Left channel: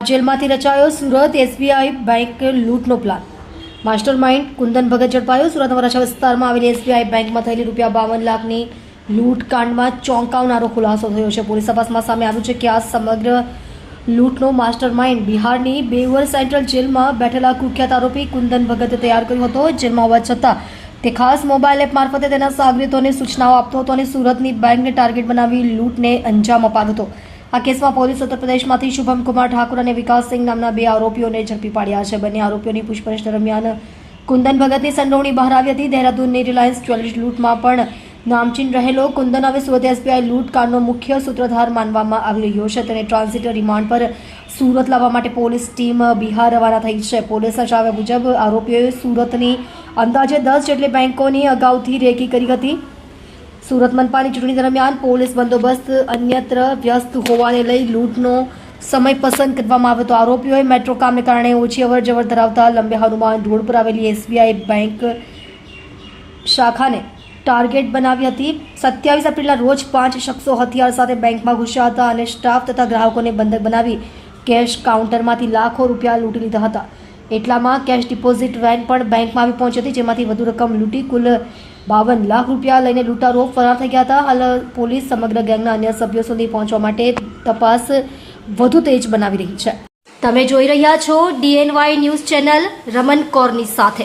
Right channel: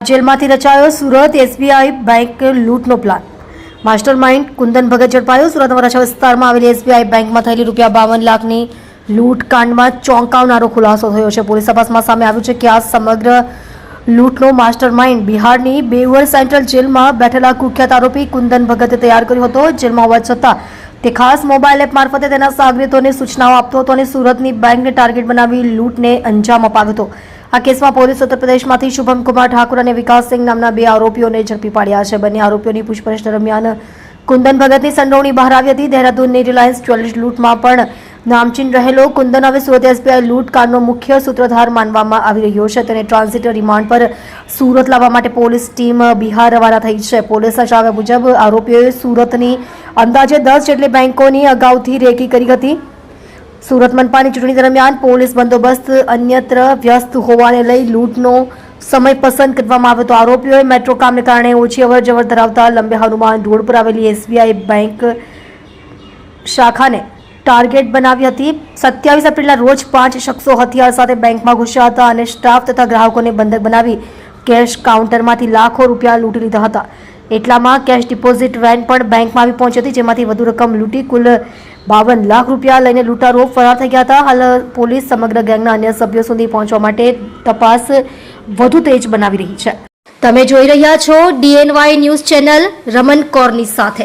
જેલમાંથી રચાયો Surat SBI bank લૂંટનો plan. Master mind Kundan Bhagat ઝડપાયો. સુરત વરાછા વિસ્તારમાં આવેલી એસબીઆઈ બેંકમાં થયેલી ₹52 લાખની લૂંટ કાંડમાં ચોંકાવનારો ખુલાસો થયો છે. પોલીસ તપાસમાં સામે આવ્યું છે કે આ સમગ્ર લૂંટનો માસ્ટર માઇન્ડ બિહારની બેવર સેન્ટ્રલ જેલમાં બેઠેલા કુખ્યાત આરોપી કુંદન ભગતે તૈયાર કર્યો હતો. જેલમાં હોવા છતાં તે ખાસ મોબાઈલ એપ મારફતે તેના સાગરીતોને સૂચનાઓ આપતો હતો અને સુરતની બેંકને ટાર્ગેટ બનાવી લૂંટને અંજામ અપાવ્યો હતો. આ કેસમાં પોલીસ ઉત્તર પ્રદેશમાંથી શુભમ કુમાર ઠાકુર અને વિકાસ સિંહ નામના 2 આરોપીઓને ઝડપી પાડ્યા છે. બંને આરોપીઓની પૂછપરછ દરમિયાન કુંદન ભગતની સંડોવણી બહાર આવી હતી. દહેરાદૂનની રિલાયન્સ જ્વેલર્સ લૂંટમાં પણ નામચીન રહેલો કુંદન હવે સુરત એસબીઆઈ લૂંટ કાંડનો મુખ્ય સૂત્રધાર માનવામાં આવી રહ્યો છે. તેને ટ્રાન્ઝિટ રિમાન્ડ પર સુરત લાવવા માટે પોલીસ ટીમ બિહાર રવાના થઈ છે. પોલીસના જણાવ્યા મુજબ આરોપીઓએ સુરતની અંદાજે 10 જેટલી બેંકોની અગાઉથી રેકી કરી હતી. સુરત મનપાની ચૂંટણી દરમિયાન પોલીસ બંદોબસ્ત અન્યત્ર વ્યસ્ત હોવાને લઈ લૂંટનો સમય પસંદ કરવામાં આવ્યો હતો. આરોપીઓએ મેટ્રો કામને કારણે ઓછી અવરજવર ધરાવતા લંબે હનુમાન રોડ પર આવેલી એસબીઆઈ બેંક શાખાને ટાર્ગેટ બનાવી હતી. 27 એપ્રિલના રોજ 5 શખ્સો હથિયાર સાથે બેંકમાં ઘૂસ્યા હતા અને સ્ટાફ તથા ગ્રાહકોને બંધક બનાવી કેશ કાઉન્ટરમાંથી લાખો રૂપિયા લૂંટી લીધા હતા. એટલામાં કેશ ડિપોઝિટ વેન પણ બેંકમાં આવી પહોંચી હતી, જેમાંથી વધુ રકમ લૂંટી કુલ 52 લાખ રૂપિયા લઈને લૂંટારો ફરાર થઈ ગયા હતા. હાલ પોલીસ સમગ્ર ગેંગના અન્ય સભ્યો સુધી પહોંચવા માટે તપાસ વધુ તેજ બનાવી રહી છે. તમે જોઈ રહ્યા છો DNY ન્યૂઝ ચેનલ રમન કૌરની સાથે.